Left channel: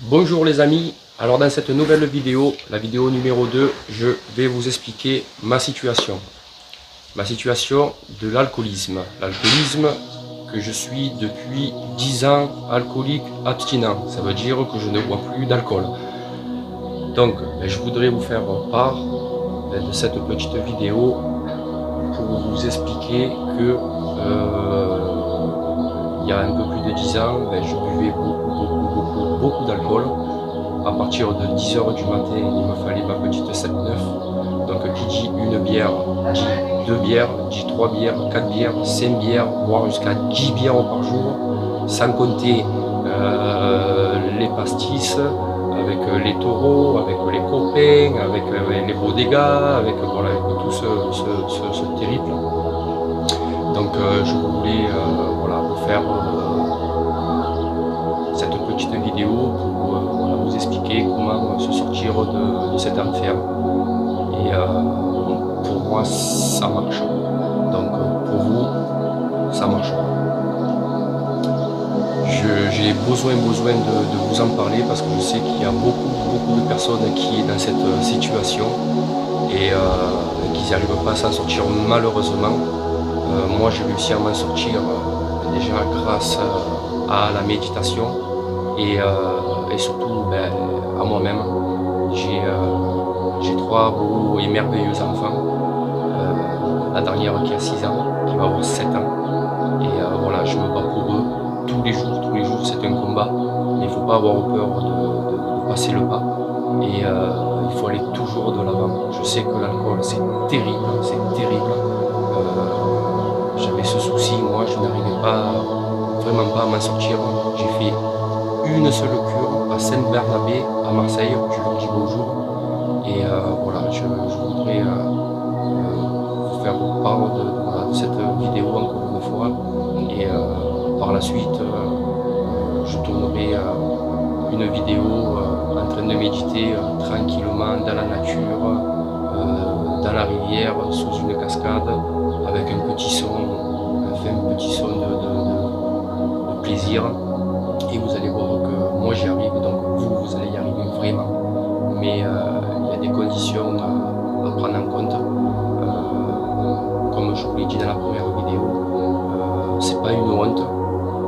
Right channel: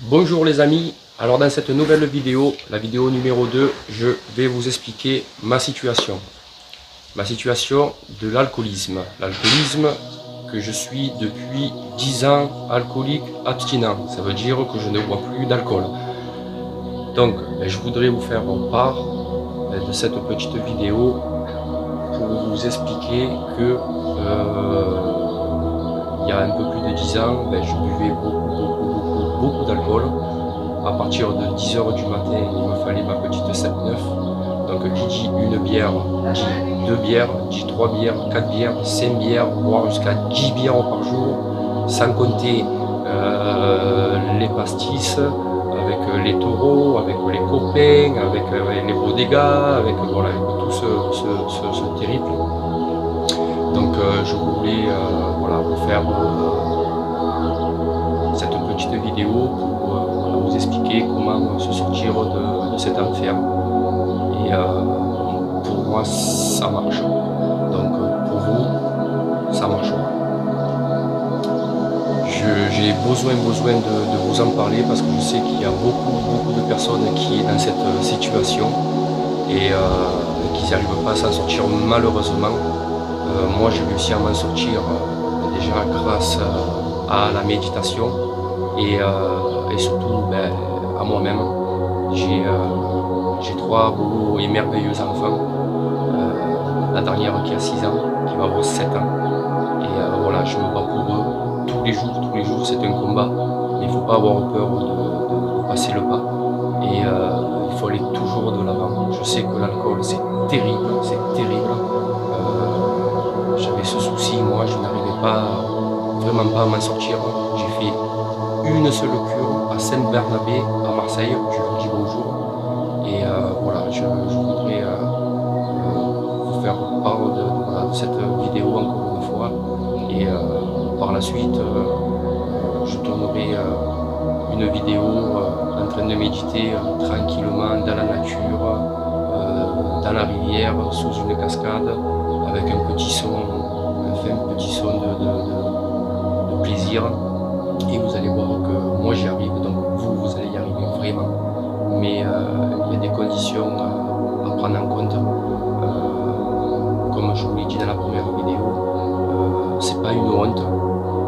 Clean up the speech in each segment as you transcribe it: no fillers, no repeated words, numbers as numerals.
Bonjour les amis, alors dans cette nouvelle vidéo, la vidéo numéro 2, je vais vous expliquer ma situation. Ma situation de l'alcoolisme. L'alcoolisme que je suis depuis 10 ans alcoolique abstinent. Ça veut dire que je ne bois plus d'alcool. Donc je voudrais vous faire part de cette petite vidéo pour vous expliquer que il y a un peu plus de 10 ans, je buvais beaucoup d'alcool. À partir de 10 h du matin, il me fallait ma petite 7-9. Donc qui dit une bière, dit 2 bières, dit 3 bières, 4 bières, 5 bières, voire jusqu'à 10 bières par jour, sans compter les pastis, avec les taureaux, avec les copains, avec les bodegas, avec, voilà, avec tout ce terrible. Donc je voulais voilà, vous faire cette petite vidéo pour voilà, vous expliquer comment se sortir de cet enfer. Et pour moi ça marche. Donc pour vous, ça marchera. J'ai besoin de vous en parler parce que je sais qu'il y a beaucoup de personnes qui sont dans cette situation et qui n'arrivent pas à s'en sortir malheureusement. Moi j'ai réussi à m'en sortir déjà grâce à la méditation et surtout à moi-même. J'ai 3 beaux et merveilleux enfants, la dernière qui a 6 ans, qui va avoir 7 ans, et voilà, je me bats pour eux tous les jours c'est un combat, mais il ne faut pas avoir peur de passer le pas, et il faut aller toujours de l'avant. Je sais que l'alcool c'est terrible, j'avais ce souci, moi je n'arrivais vraiment pas à m'en sortir. J'ai fait une seule cure à Saint-Bernabé à Marseille, je leur dis bonjour. Et voilà, je voudrais vous faire part voilà, de cette vidéo encore une fois. Et par la suite, je tournerai une vidéo en train de méditer tranquillement dans la nature, dans la rivière, sous une cascade, avec un petit son, un petit son de plaisir. Et vous allez voir que moi j'y arrive, donc vous allez y arriver vraiment. Mais il y a des conditions à prendre en compte. Comme je vous l'ai dit dans la première vidéo, c'est pas une honte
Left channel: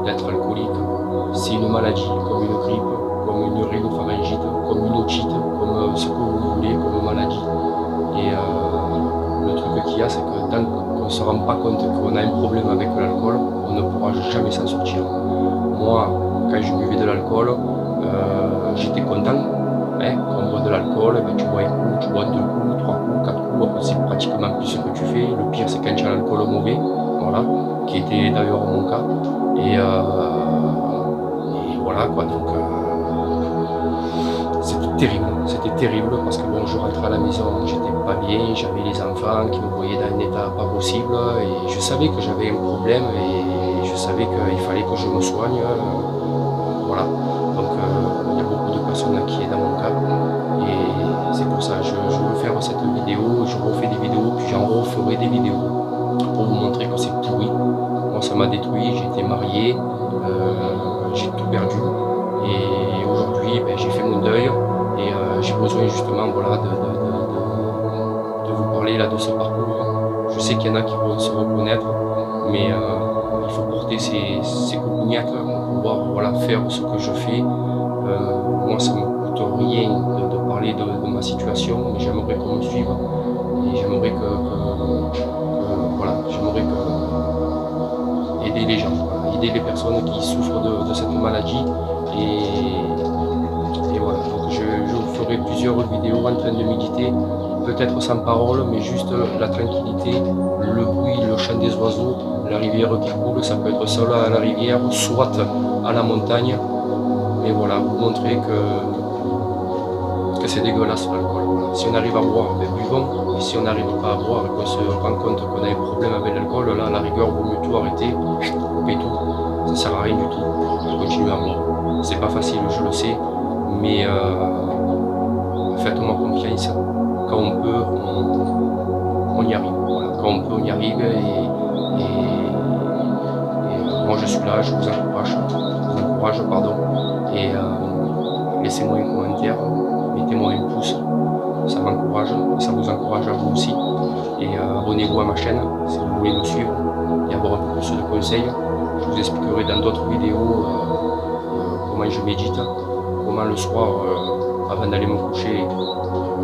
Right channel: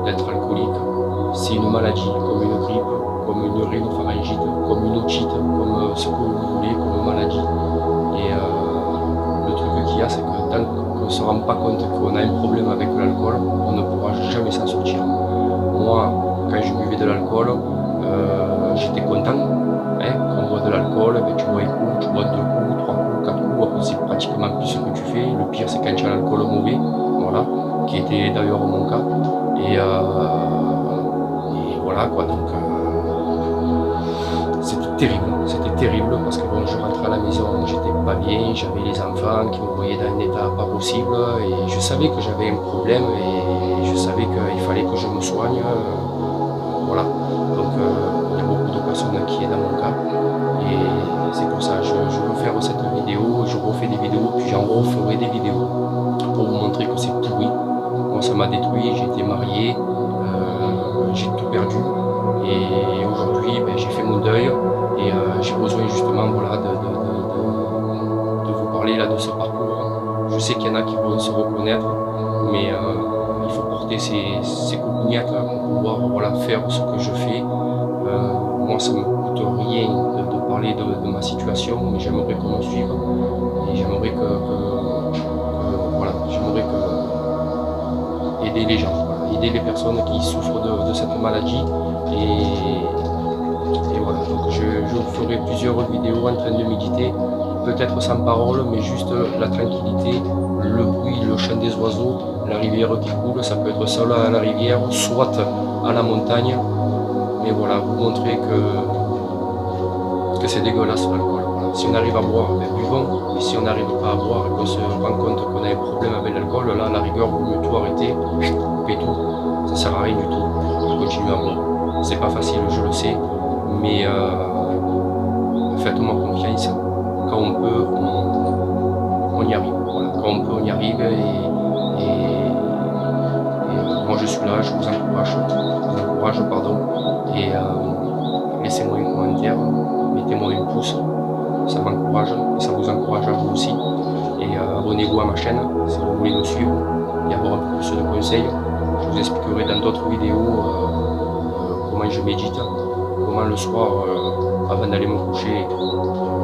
d'être alcoolique, c'est une maladie, comme une grippe, comme une rhinopharyngite, comme une otite, comme ce que vous voulez, comme maladie. Et le truc qu'il y a, c'est que tant qu'on ne se rend pas compte qu'on a un problème avec l'alcool, on ne pourra jamais s'en sortir. Moi, quand je buvais de l'alcool, j'étais content. Quand on boit de l'alcool, tu bois un coup, tu bois 2 coups, 3 coups, 4 coups, après c'est pratiquement plus ce que tu fais. Le pire c'est quand tu as l'alcool mauvais, voilà, qui était d'ailleurs mon cas. Et voilà quoi, donc c'était terrible parce que bon, je rentrais à la maison, j'étais pas bien, j'avais les enfants qui me voyaient dans un état pas possible et je savais que j'avais un problème et je savais qu'il fallait que je me soigne, voilà. Donc il y a beaucoup de personnes qui sont dans mon cas et c'est pour ça que je veux faire cette vidéo, je refais des vidéos, puis j'en referai des vidéos pour vous montrer que c'est pourri. Moi ça m'a détruit, j'ai été marié, j'ai tout perdu et aujourd'hui j'ai fait mon deuil et j'ai besoin justement voilà, de vous parler là, de ce parcours. Je sais qu'il y en a qui vont se reconnaître, mais il faut porter ces coupignates pour pouvoir voilà, faire ce que je fais. Moi ça me coûte rien de parler de ma situation, mais j'aimerais qu'on me suive et j'aimerais voilà, j'aimerais aider les gens, voilà, aider les personnes qui souffrent de cette maladie et voilà, donc je ferai plusieurs vidéos en train de méditer, peut-être sans parole, mais juste la tranquillité, le bruit, le chant des oiseaux, la rivière qui coule, ça peut être seul à la rivière, soit à la montagne, mais voilà, vous montrer que c'est dégueulasse l'alcool. Voilà. Si on arrive à boire, buvons, mais si on n'arrive pas à boire et qu'on se rend compte qu'on a un problème avec l'alcool, là, à la rigueur, vaut mieux tout arrêter, couper tout, ça sert à rien du tout de continuer à boire. C'est pas facile, je le sais, mais faites-moi confiance, quand on peut, on y arrive. Voilà. Quand on peut, on y arrive et moi je suis là, je vous encourage, pardon, et laissez-moi un commentaire, mettez-moi un pouce, ça m'encourage et ça vous encourage à vous aussi. Et abonnez-vous à ma chaîne si vous voulez me suivre et avoir un peu plus de conseils. Je vous expliquerai dans d'autres vidéos comment je médite, comment le soir, avant d'aller me coucher,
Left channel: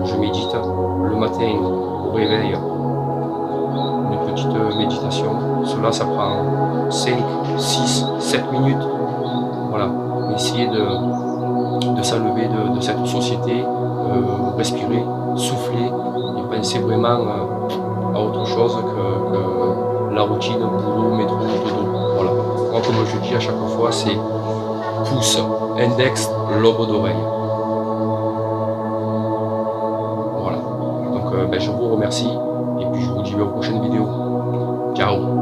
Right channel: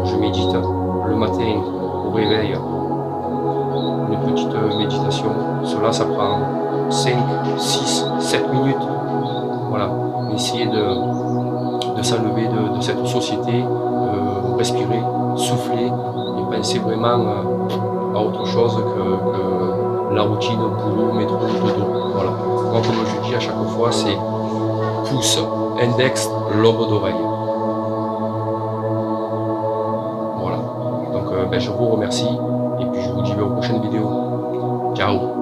je médite. Le matin, au réveil, une petite méditation. Cela, ça prend 5, 6, 7 minutes. Voilà, essayez de s'enlever de cette société, respirer, souffler et penser vraiment à autre chose que la routine, boulot, métro, dodo. Voilà. Moi, comme je dis à chaque fois, c'est pouce, index, lobe d'oreille. Voilà. Donc, je vous remercie et puis je vous dis aux prochaines vidéos. Ciao.